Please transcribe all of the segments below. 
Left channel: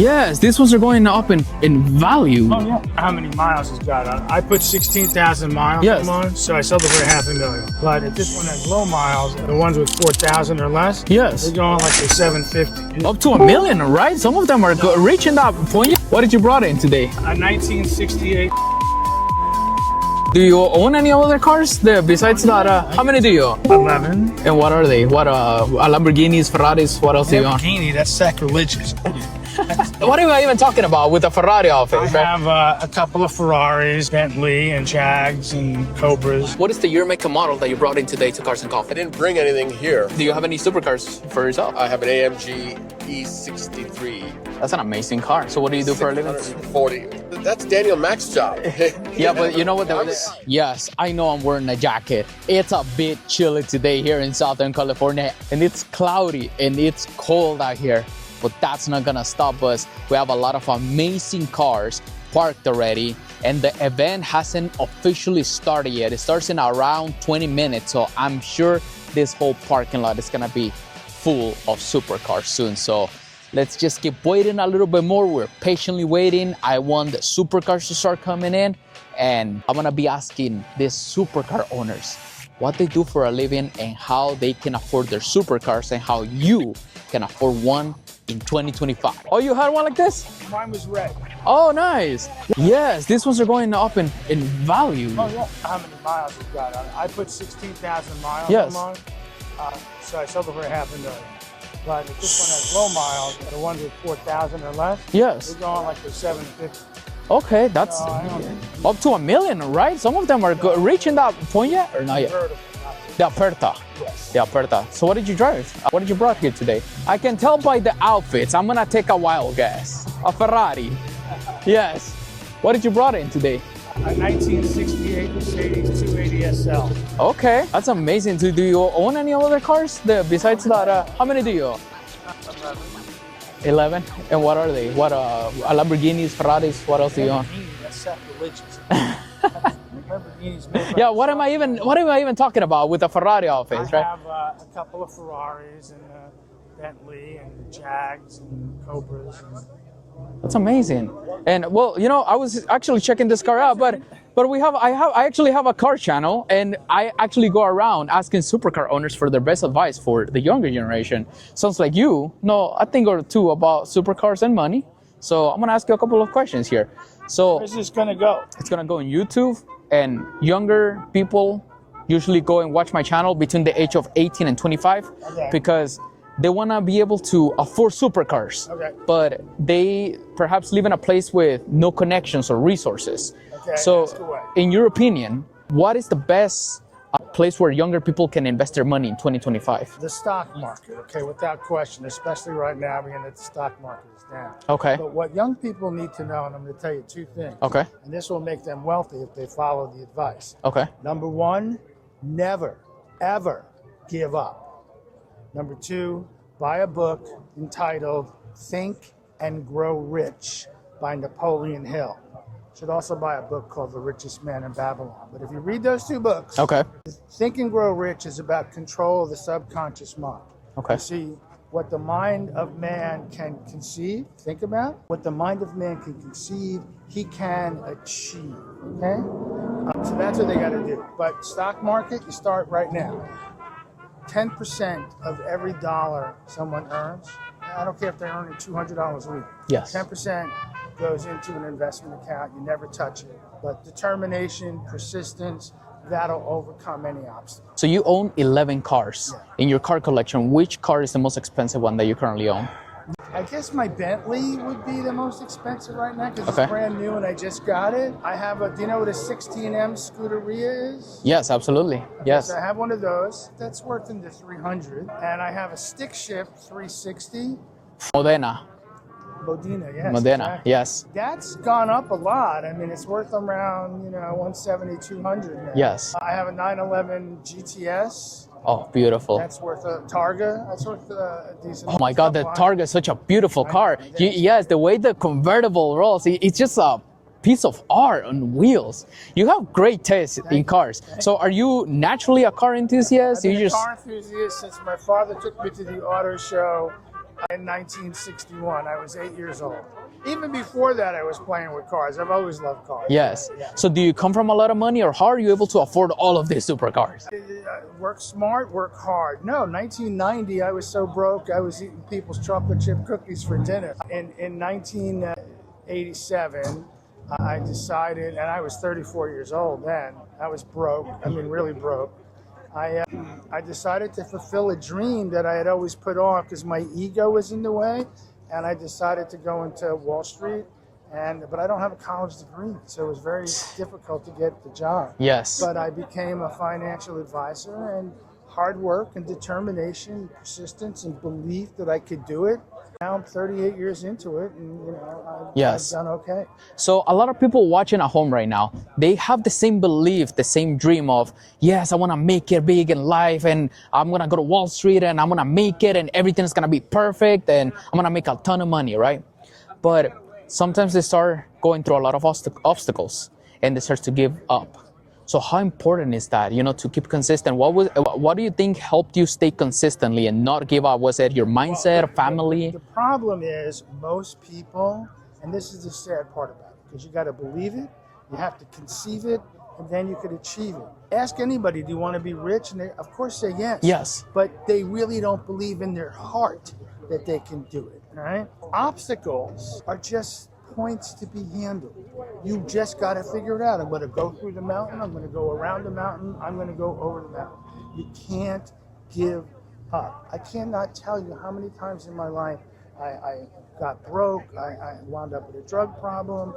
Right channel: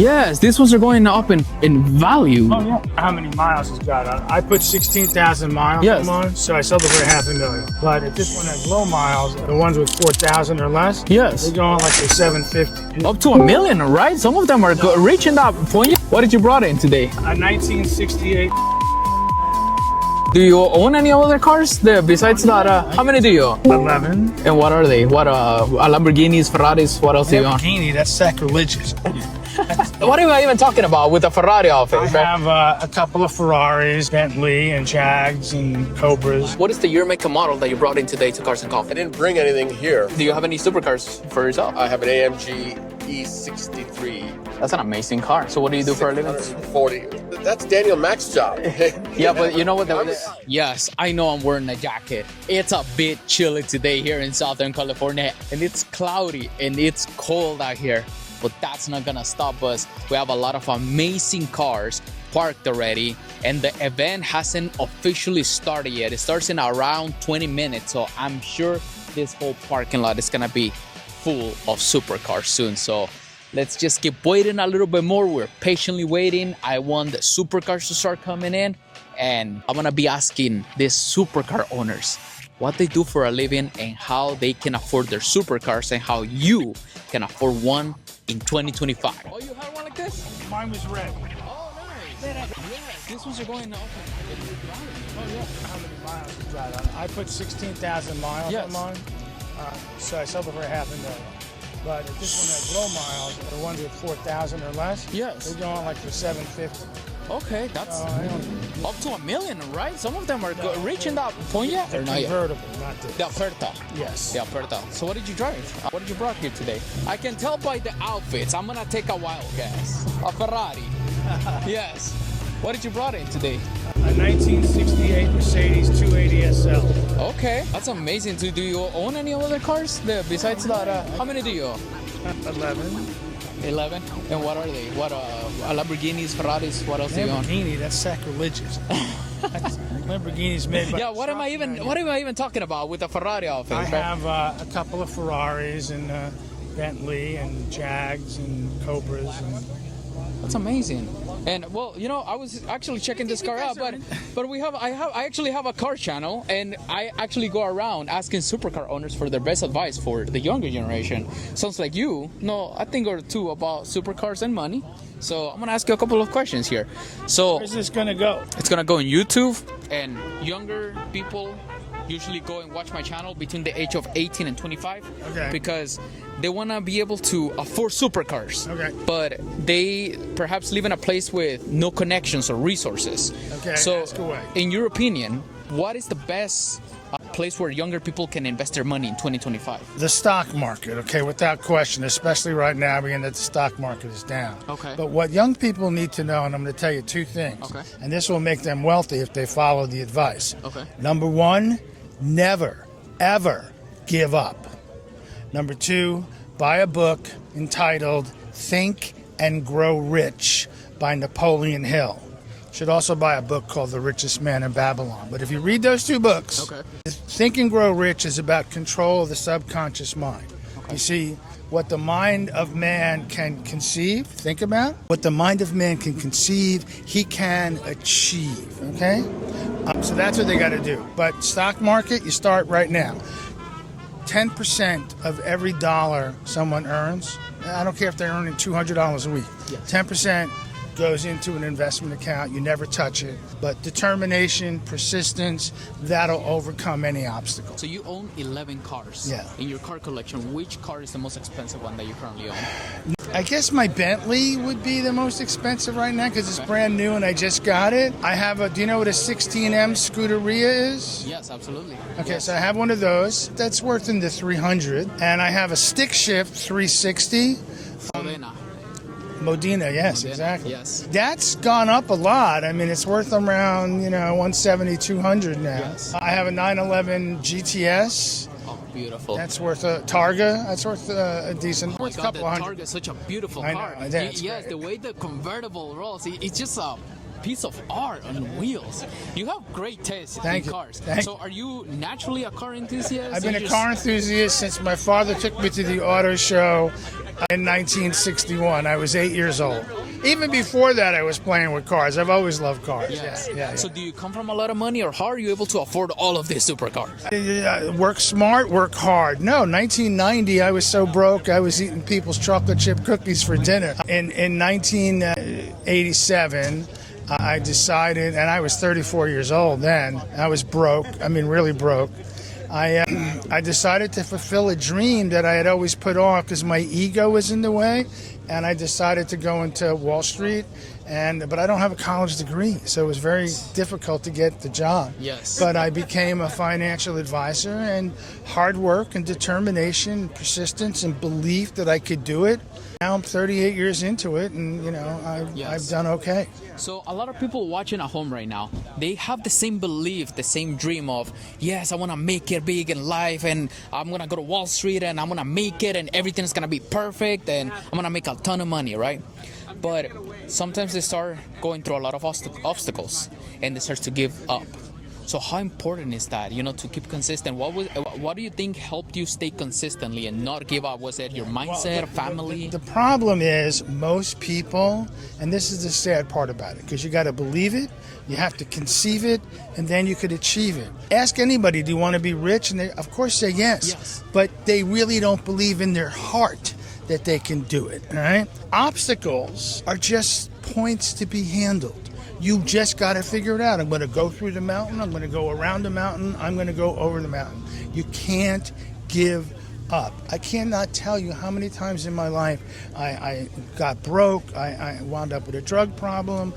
Yes, these ones are going up in value. Oh yeah. How many miles it's got on? I put 16,000 miles Yes. on, so I sold it for $500,000. But if this one has low miles, the ones with 4,000 or less, Yes. they're going like a 750. Up to $1 million, right? Some of them are reaching that point. What did you brought in today? A 1968. Do you own any other cars besides that? How many do you own? 11. And what are they? What Lamborghinis, Ferraris? What else do you own? Lamborghini, that's sacrilegious. What am I even talking about with the Ferrari outfit? I have a couple of Ferraris, Bentley, and Jags, and Cobras. What is the year, make, and model that you brought in today to Cars and I Coffee? didn't bring anything here. Do you have any supercars for yourself? I have an AMG E63. That's an amazing car. So what do you do for a living? 640. That's Daniel Mack's job. Yeah, but you know what? Yes, I know I'm wearing a jacket. It's a bit chilly today here in Southern California, and it's cloudy and it's cold out here. But that's not gonna stop us. We have a lot of amazing cars parked already, and the event hasn't officially started yet. It starts in around 20 minutes, so I'm sure this whole parking lot is gonna be full of supercars soon. So let's just keep waiting a little bit more. We're patiently waiting. I want the supercars to start coming in, and I'm gonna be asking these supercar owners what they do for a living and how they can afford their supercars and how you can afford one in 2025. Oh, you had one like this? Mine was red. Oh, nice. Yes, these ones are going up in value. Oh yeah. How many miles it's got on? I put 16,000 miles Yes. on, so I sold it for $500,000. But if this one has low miles, the ones with 4,000 or less, Yes. they're going like for 750. Okay, that's up to $1 million, right? Some of them are reaching that point yet? Or not yet? Convertible, not the. The Aperta. Yes. The Aperta. So what did you drive? What did you brought here today? I can tell by the outfits. I'm gonna take a wild guess. A Ferrari. Yes. What did you brought in today? A 1968 Mercedes 280 SL. Okay, that's amazing. Do you own any other cars besides that? How many do you own? 11. 11. And what are they? What Lamborghinis, Ferraris? What else do you own? Lamborghini, that's sacrilegious. Lamborghini's made by Yeah. What am I even talking about with the Ferrari outfit? I right? have a couple of Ferraris and Bentley and Jags and Cobras. And That's amazing. And well, you know, I was actually checking this car out, but I actually have a car channel, and I actually go around asking supercar owners for their best advice for the younger generation. Sounds like you know a thing or two about supercars and money. So I'm gonna ask you a couple of questions here. So where's this gonna go? it's gonna go on YouTube, and younger people usually go and watch my channel between the age of 18 and 25 Okay. because they want to be able to afford supercars, Okay. but they perhaps live in a place with no connections or resources. Okay, So, ask away. in your opinion, what is the best place where younger people can invest their money in 2025? The stock market, okay, without question, especially right now, being that the stock market is down. Okay. But what young people need to know, and I'm going to tell you two things. Okay. And this will make them wealthy if they follow the advice. Okay. Number one, never, ever give up. Number two, buy a book entitled Think and Grow Rich by Napoleon Hill. Should also buy a book called The Richest Man in Babylon. But if you read those two books, Okay. Think and Grow Rich is about control of the subconscious mind. Okay. You see, what the mind of man can conceive, think about, what the mind of man can conceive, he can achieve, okay? So that's what they got to do. But stock market, you start right now. 10% of every dollar someone earns, I don't care if they're earning $200 a week, Yes. 10% goes into an investment account. You never touch it. But determination, persistence, that'll overcome any obstacle. So you own 11 cars. Yeah. In your car collection, which car is the most expensive one that you currently own? I guess my Bentley would be the most expensive right now because Okay. it's brand new and I just got it. I have do you know what a 16M Scuderia is? Yes, absolutely. Okay, Yes. so I have one of those. That's worth in the 300. And I have a stick shift 360. Modena. Modena, yes, Modena, exactly. yes. That's gone up a lot. I mean, it's worth around, 170, 200 now. Yes. I have a 911 GTS. Oh, beautiful. That's worth a Targa. That's worth a decent. Oh my God, the Targa is such a beautiful car. I know, it is. Yes, the way the convertible rolls, it's just a piece of art on wheels. You have great taste in you. cars. Thank So are you naturally a car enthusiast? I've been You a car enthusiast since my father took me to the auto show In 1961, I was 8 years old. Even before that, I was playing with cars. I've always loved cars. Yes. Yeah. So do you come from a lot of money, or how are you able to afford all of these supercars? Work smart, work hard. No, 1990, I was so broke, I was eating people's chocolate chip cookies for dinner. In 1987, I decided, and I was 34 years old then, I was broke, I mean really broke. I decided to fulfill a dream that I had always put off because my ego was in the way, and I decided to go into Wall Street. But I don't have a college degree, so it was very difficult to get the job. Yes. But I became a financial advisor, and hard work and determination, and persistence and belief that I could do it. Now I'm 38 years into it, and I've done okay. So a lot of people watching at home right now, they have the same belief, the same dream of, yes, I want to make it big in life, and I'm going to go to Wall Street, and I'm going to make it, and everything's going to be perfect, and I'm going to make a ton of money, right? But sometimes they start going through a lot of obstacles, and they start to give up. So how important is that, to keep consistent? What do you think helped you stay consistently and not give up? Was it your mindset, family? The problem is most people, and this is the sad part about it, because you got to believe it, you have to conceive it, and then you could achieve it. Ask anybody, do you want to be rich? And they, of course, say yes. Yes. But they really don't believe in their heart that they can do it, all right? Obstacles are just points to be handled. You just got to figure it out. I'm going to go through the mountain. I'm going to go around the mountain. I'm going to go over the mountain. You can't give up. I cannot tell you how many times in my life I got broke. I wound up with a drug problem,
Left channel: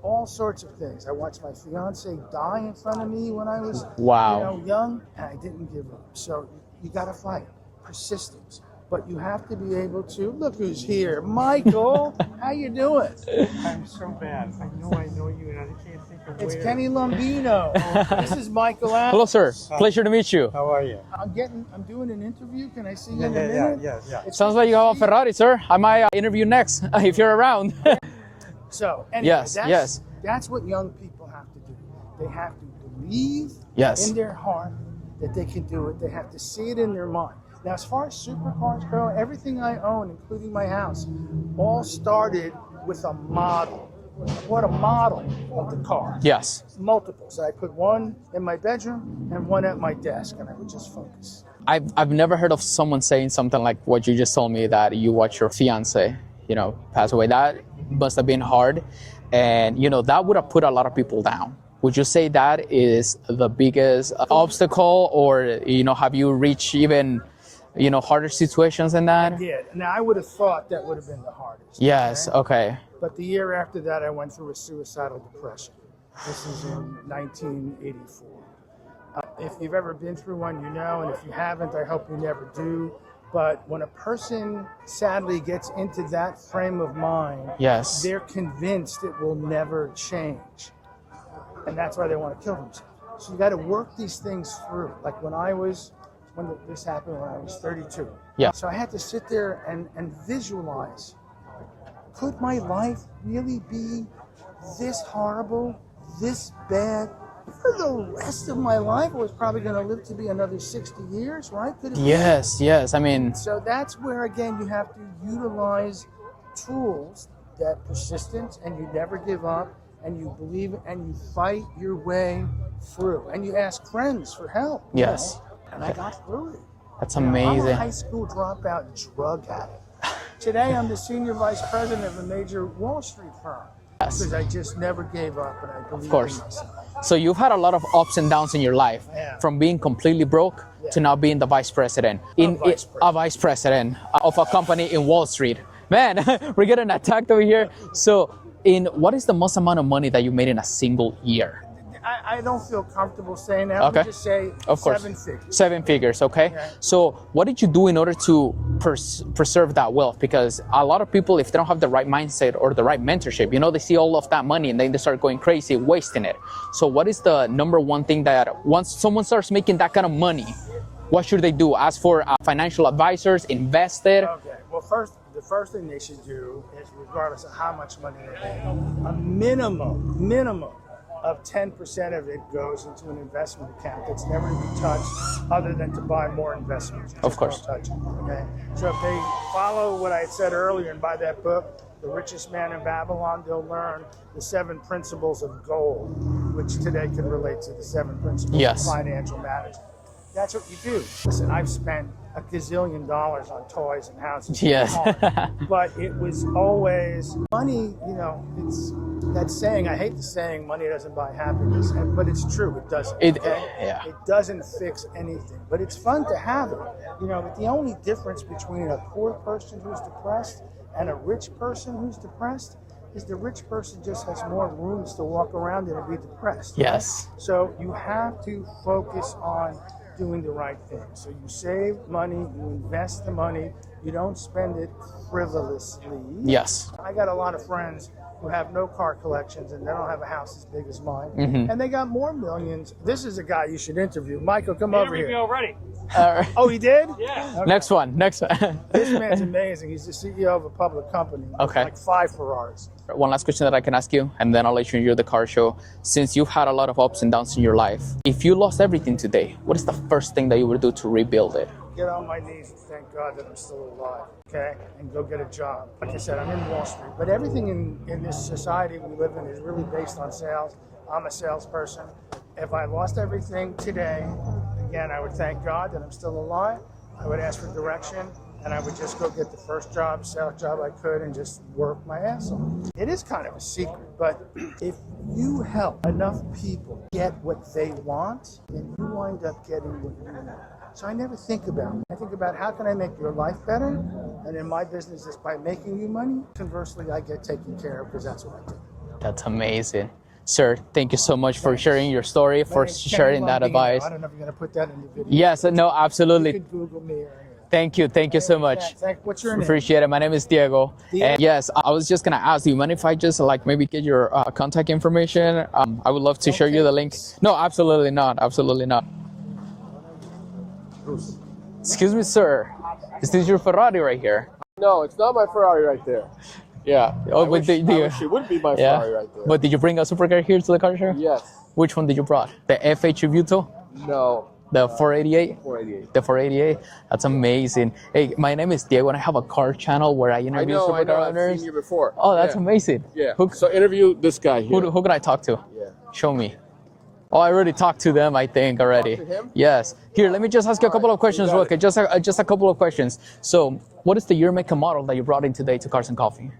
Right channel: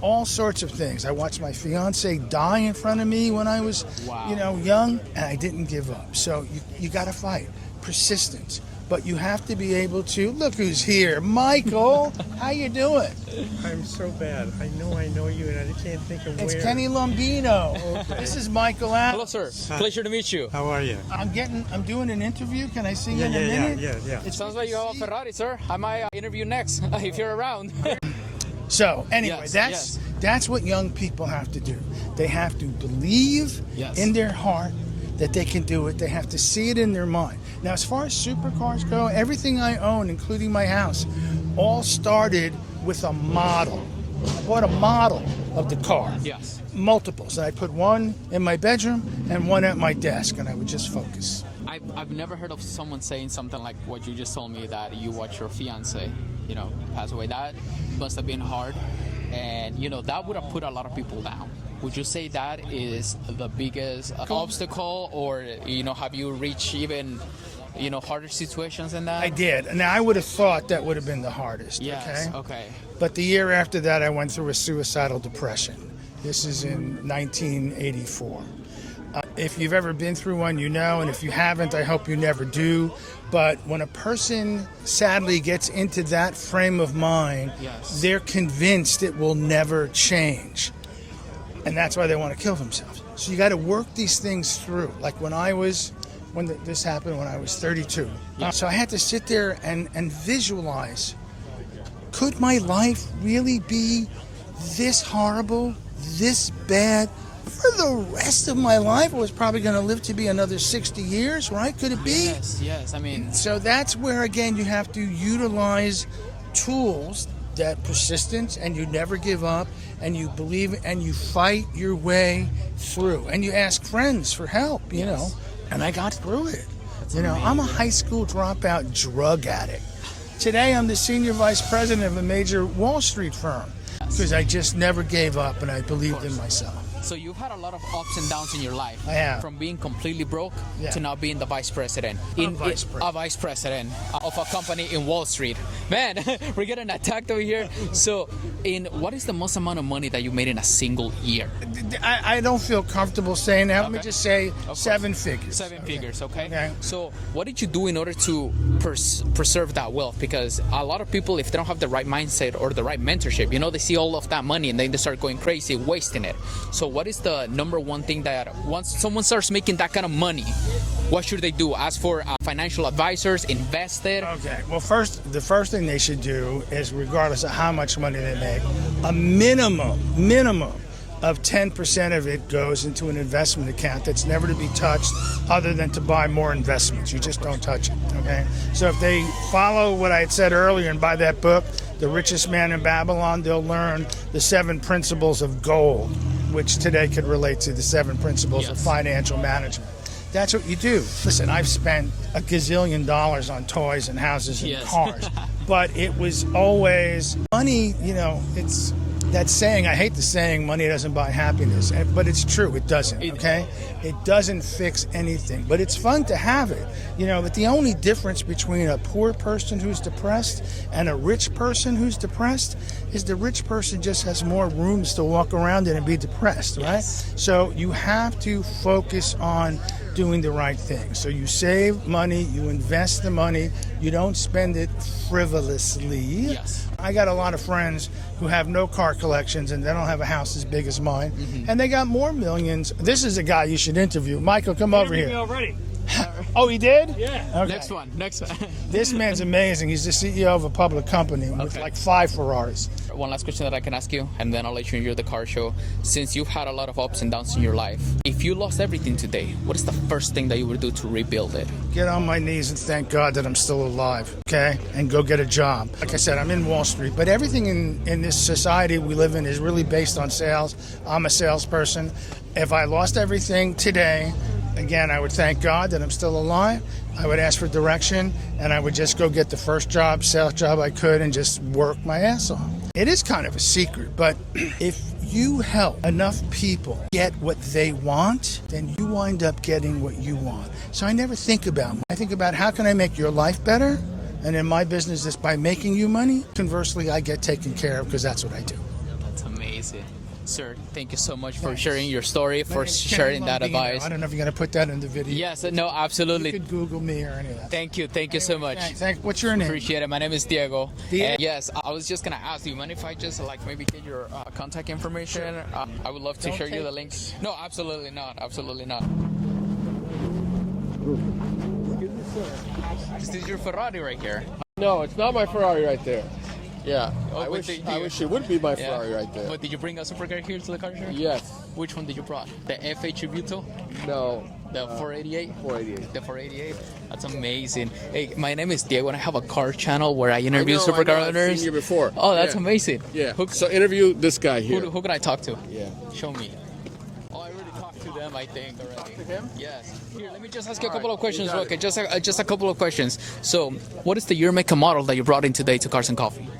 all sorts of things. I watched my fiance die in front of me when I was young, and I didn't give up. So you got to fight. Persistence. But you have to be able to, look who's here. Michael, how you doing? I'm so bad. I know you, and I can't think of It's where. Kenny Lombino. This is Michael Allen. Hello, sir. Pleasure to meet you. How are you? I'm doing an interview. Can I see you in a Yeah. minute? It sounds like you have a Ferrari, sir. I might interview next if you're around. So anyway, Yes. that's what young people have to do. They have to believe in their heart that they can do it. They have to see it in their mind. Now, as far as supercars go, everything I own, including my house, all started with a model. I bought a model of the car. Yes. Multiples. And I put one in my bedroom and one at my desk, and I would just focus. I've never heard of someone saying something like what you just told me, that you watch your fiance, pass away. That must have been hard. And, that would have put a lot of people down. Would you say that is the biggest obstacle, or, have you reached even, harder situations than that? I did. And I would have thought that would have been the hardest. Yes, okay. But the year after that, I went through a suicidal depression. This is in 1984. If you've ever been through one, and if you haven't, I hope you never do. But when a person sadly gets into that frame of mind, they're convinced it will never change. And that's why they want to kill themselves. So you got to work these things through. Like this happened when I was 32. Yeah. So I had to sit there and visualize, could my life really be this horrible, this bad? For the rest of my life, I was probably going to live to be another 60 years, right? Could it be? Yes. I mean, so that's where, again, you have to utilize tools, that persistence, and you never give up, and you believe, and you fight your way through, and you ask friends for help. You know? And I got through it. That's amazing. I'm a high school dropout drug addict. Today, I'm the senior vice president of a major Wall Street firm because I just never gave up, and I believed in myself. So you've had a lot of ups and downs in your life. I have. From being completely broke to now being the vice president. A vice president of a company in Wall Street. Man, we're getting attacked over here. So what is the most amount of money that you made in a single year? I don't feel comfortable saying that. Okay. Let me just say Of course. 7 figures. 7 figures, okay? Yeah. So what did you do in order to preserve that wealth? Because a lot of people, if they don't have the right mindset or the right mentorship, they see all of that money and then they start going crazy, wasting it. So what is the number one thing that once someone starts making that kind of money, what should they do? Ask for financial advisors, invest it? Okay. Well, the first thing they should do is, regardless of how much money they make, a minimum of 10% of it goes into an investment account that's never to be touched other than to buy more investments. You just don't touch it, okay? So if they follow what I had said earlier and buy that book, The Richest Man in Babylon, they'll learn the 7 principles of gold, which today could relate to the 7 principles of financial management. That's what you do. Listen, I've spent a gazillion dollars on toys and houses and cars, but it was always money. You know, it's that saying. I hate the saying, "Money doesn't buy happiness," but it's true. It doesn't. Okay, it doesn't fix anything, but it's fun to have it. You know, but the only difference between a poor person who's depressed and a rich person who's depressed is the rich person just has more rooms to walk around in and be depressed. Right? Yes. So you have to focus on doing the right thing. So you save money, you invest the money, you don't spend it frivolously. Yes. I got a lot of friends who have no car collections and they don't have a house as big as mine, and they got more millions. This is a guy you should interview. Michael, come over here. Already. Oh, he did? Yeah. Okay. Next one. This man's amazing. He's the CEO of a public company with like 5 Ferraris. One last question that I can ask you, and then I'll let you enjoy the car show. Since you've had a lot of ups and downs in your life, if you lost everything today, what is the first thing that you would do to rebuild it? Get on my knees and thank God that I'm still alive, okay? And go get a job. Like I said, I'm in Wall Street, but everything in this society we live in is really based on sales. I'm a salesperson. If I lost everything today, again, I would thank God that I'm still alive. I would ask for direction, and I would just go get the first job, sales job I could, and just work my ass off. It is kind of a secret, but if you help enough people get what they want, then you wind up getting what you want. So I never think about money. I think about how can I make your life better, and in my business, is by making you money. Conversely, I get taken care of because that's what I do. That's amazing. Sir, thank you so much for sharing your story, for sharing that advice. I don't know if you're going to put that in the video. Yes, no, absolutely. You could Google me or any of that. Thank you so much. What's your name? Appreciate it. My name is Diego. And yes, I was just gonna ask, do you mind if I just like maybe get your contact information? I would love to share you the links. No, absolutely not. Absolutely not. Excuse me, sir. Is this your Ferrari right here? No, it's not my Ferrari right there. Yeah. Oh, I wish it would be my Ferrari right there. But did you bring a supercar here to the car show? Yes. Which one did you brought? The FH Tributo? No. The 488? 488. The 488? That's amazing. Hey, my name is Diego and I have a car channel where I interview supercar owners. I've seen you before. Oh, that's amazing. Yeah. So interview this guy here. Who can I talk to? Yeah. Show me. Oh, I already talked to them, I think, already. Talked to him? Yes. Here, let me just ask you a couple of questions, real quick. Just a couple of questions. So, what is the year, make, and model that you brought in today to Cars and Coffee?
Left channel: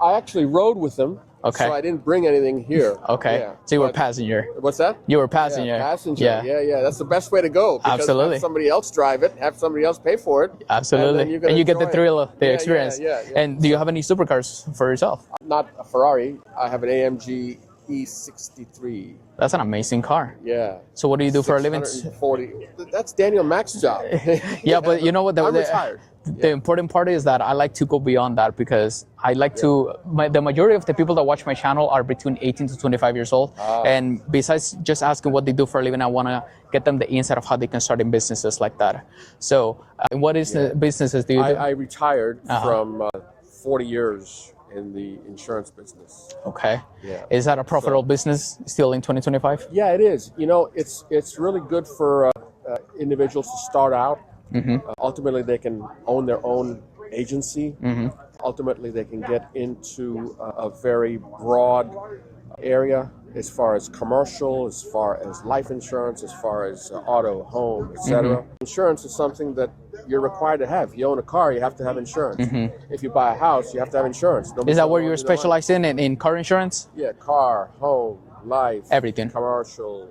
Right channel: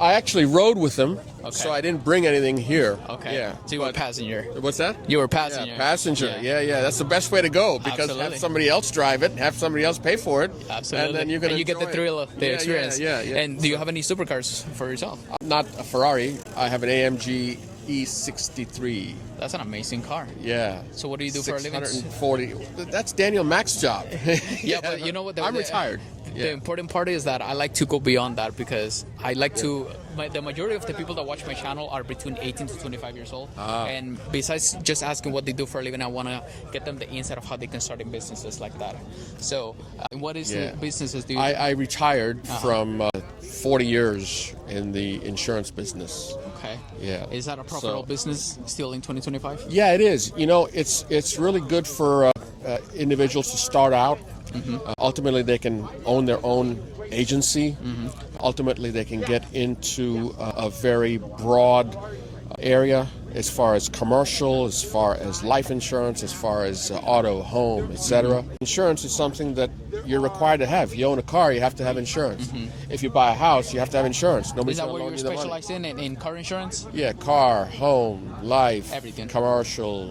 I actually rode with them. Okay. So I didn't bring anything here. Okay. Yeah. So you were passenger. What's that? You were passenger. Yeah, passenger. Yeah. That's the best way to go. Because Absolutely. have somebody else drive it, have somebody else pay for it. Absolutely. And, you get the thrill of the experience. Yeah. And do you have any supercars for yourself? Not a Ferrari. I have an AMG E63. That's an amazing car. Yeah. So what do you do for a living? 640. That's Daniel Mack's job. Yeah, but you know what? I'm retired. The important part is that I like to go beyond that because I like to. The majority of the people that watch my channel are between 18 to 25 years old, and besides just asking what they do for a living, I want to get them the insight of how they can start in businesses like that. So, what is the businesses do you do? I retired from 40 years in the insurance business. Okay. Yeah. Is that a profitable business still in 2025? Yeah, it is. You know, it's really good for individuals to start out. Mm-hmm. Ultimately, they can own their own agency. Mm-hmm. Ultimately, they can get into a very broad area as far as commercial, as far as life insurance, as far as auto, home, etc. Mm-hmm. Insurance is something that you're required to have. If you own a car, you have to have insurance. Mm-hmm. If you buy a house, you have to have insurance. Is that what you're specialized in car insurance? Yeah, car, home, life, everything, commercial,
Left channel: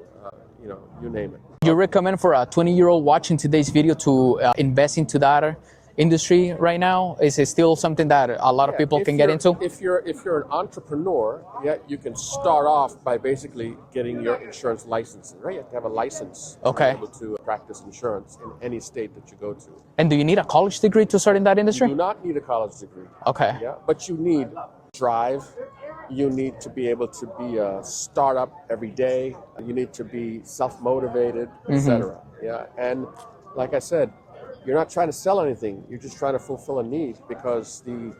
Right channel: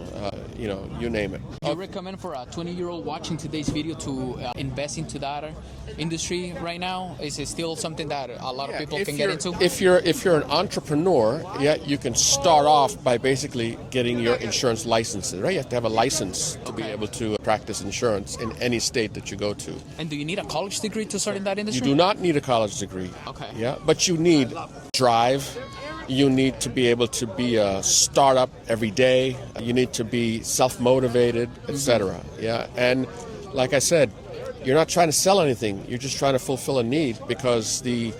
you name it. You recommend for a 20-year-old watching today's video to invest into that industry right now? Is it still something that a lot of people can get into? If you're an entrepreneur, you can start off by basically getting your insurance licenses, right? You have to have a license to be able to practice insurance in any state that you go to. And do you need a college degree to start in that industry? You do not need a college degree. Okay. Yeah, but you need drive. You need to be able to be a startup every day. You need to be self-motivated, etc. Mm-hmm. Yeah, and like I said, you're not trying to sell anything. You're just trying to fulfill a need because the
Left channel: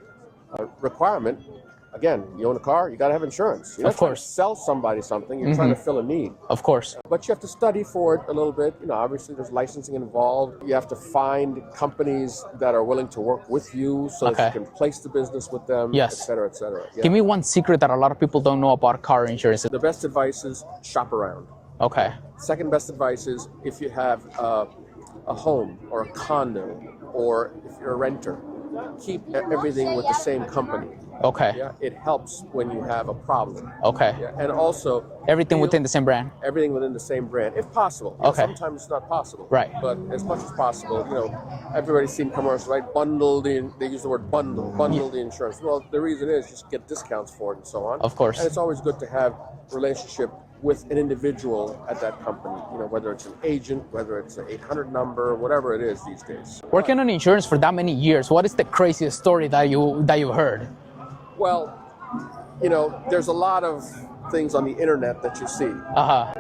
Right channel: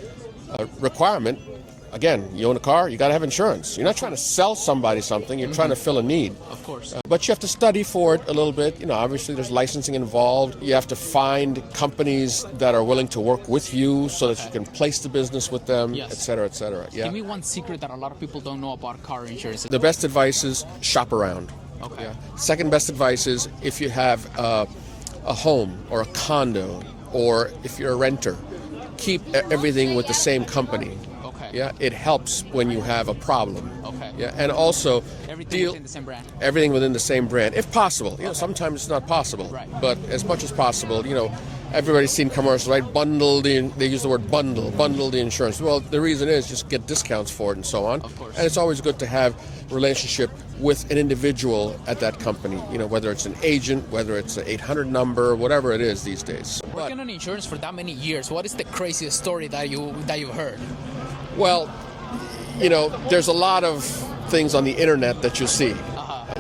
requirement again, you own a car, you got to have insurance. You're not trying to sell somebody something, you're trying to fill a need. Of course. But you have to study for it a little bit. Obviously there's licensing involved. You have to find companies that are willing to work with you so that you can place the business with them, Yes. et cetera, et cetera. Yeah. Give me one secret that a lot of people don't know about car insurance. The best advice is shop around. Okay. Second best advice is if you have a home or a condo, or if you're a renter, keep everything with the same company. Okay. Yeah, it helps when you have a problem. Okay. Yeah, and also Everything within the same brand. everything within the same brand, if possible. You know, sometimes it's not possible. Right. But as much as possible, everybody's seen commercials, right? They use the word bundle the insurance. Well, the reason is just get discounts for it and so on. Of course. And it's always good to have a relationship with an individual at that company, whether it's an agent, whether it's an 800 number, whatever it is these days. Working on insurance for that many years, what is the craziest story that you heard? Well, there's a lot of things on the internet that you see.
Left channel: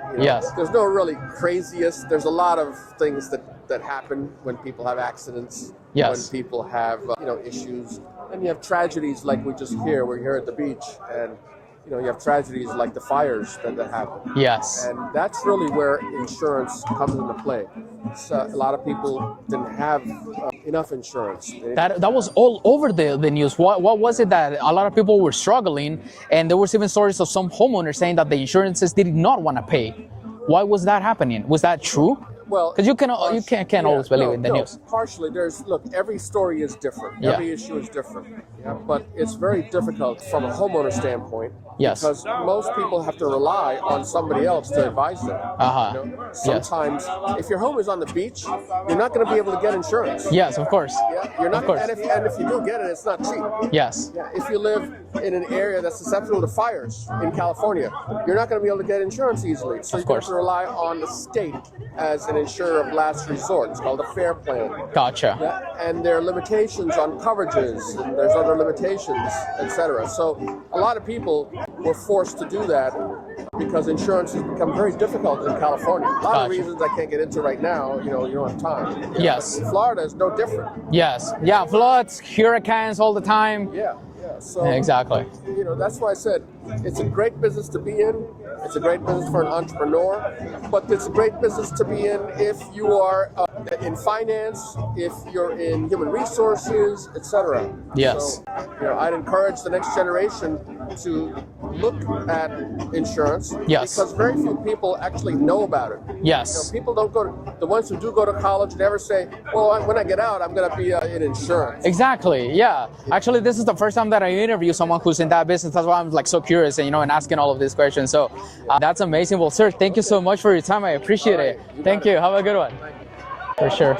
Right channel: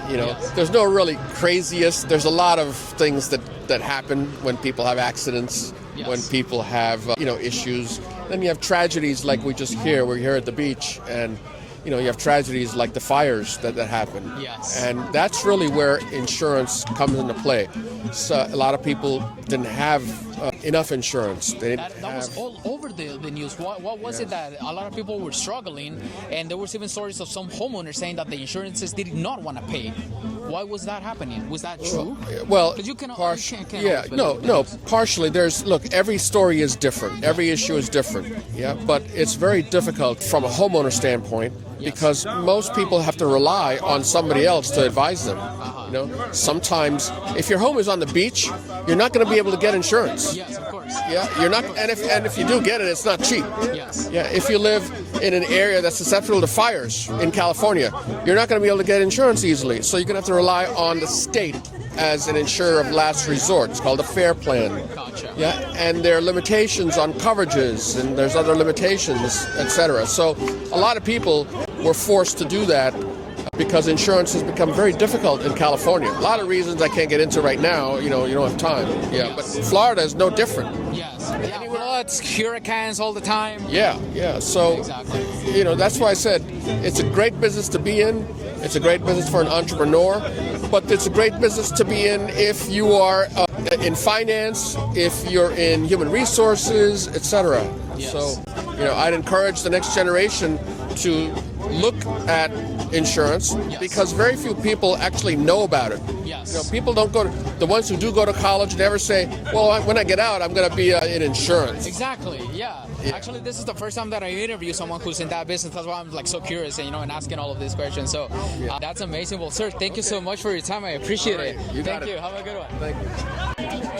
Yes. There's no really craziest. There's a lot of things that happen when people have accidents, Yes. when people have issues. Then you have tragedies like we're here at the beach, and you have tragedies like the fires that happen. Yes. And that's really where insurance comes into play. So a lot of people didn't have enough insurance. That was all over the news. What was it that a lot of people were struggling, and there was even stories of some homeowners saying that the insurances did not want to pay. Why was that happening? Was that true? Well, because you can't always believe in the news. Partially. Every story is different. Yeah. Every issue is different. Yeah, but it's very difficult from a homeowner standpoint. Yes. Because most people have to rely on somebody else to advise them. Sometimes, if your home is on the beach, you're not going to be able to get insurance. Yes, of course. Yeah, you're not. Of course. And if you do get it, it's not cheap. Yes. Yeah, if you live in an area that's susceptible to fires in California, you're not going to be able to get insurance easily. So you're going to have to rely on the state as an insurer of last resort. It's called a fair plan. Gotcha. Yeah, and there are limitations on coverages, and there's other limitations, etc. So a lot of people were forced to do that because insurance has become very difficult in California. A lot of reasons I can't get into right now. You don't have time. Yeah, Yes. but Florida is no different. Yes. Yeah, floods, hurricanes all the time. Yeah. So Exactly. that's why I said it's a great business to be in. It's a great business for an entrepreneur, but it's a great business to be in if you are in finance, if you're in human resources, etc. Yes. So, I'd encourage the next generation to look at insurance because very few people actually know about it. Yes. People don't the ones who do go to college never say, well, when I get out, I'm going to be in insurance. Exactly. Yeah. Actually, this is the first time that I interview someone who's in that business. That's why I'm so curious and and asking all of these questions. So that's amazing. Well, sir, thank you so much for your time. I appreciate it. Thank you. Have a good one. Thank you. For sure.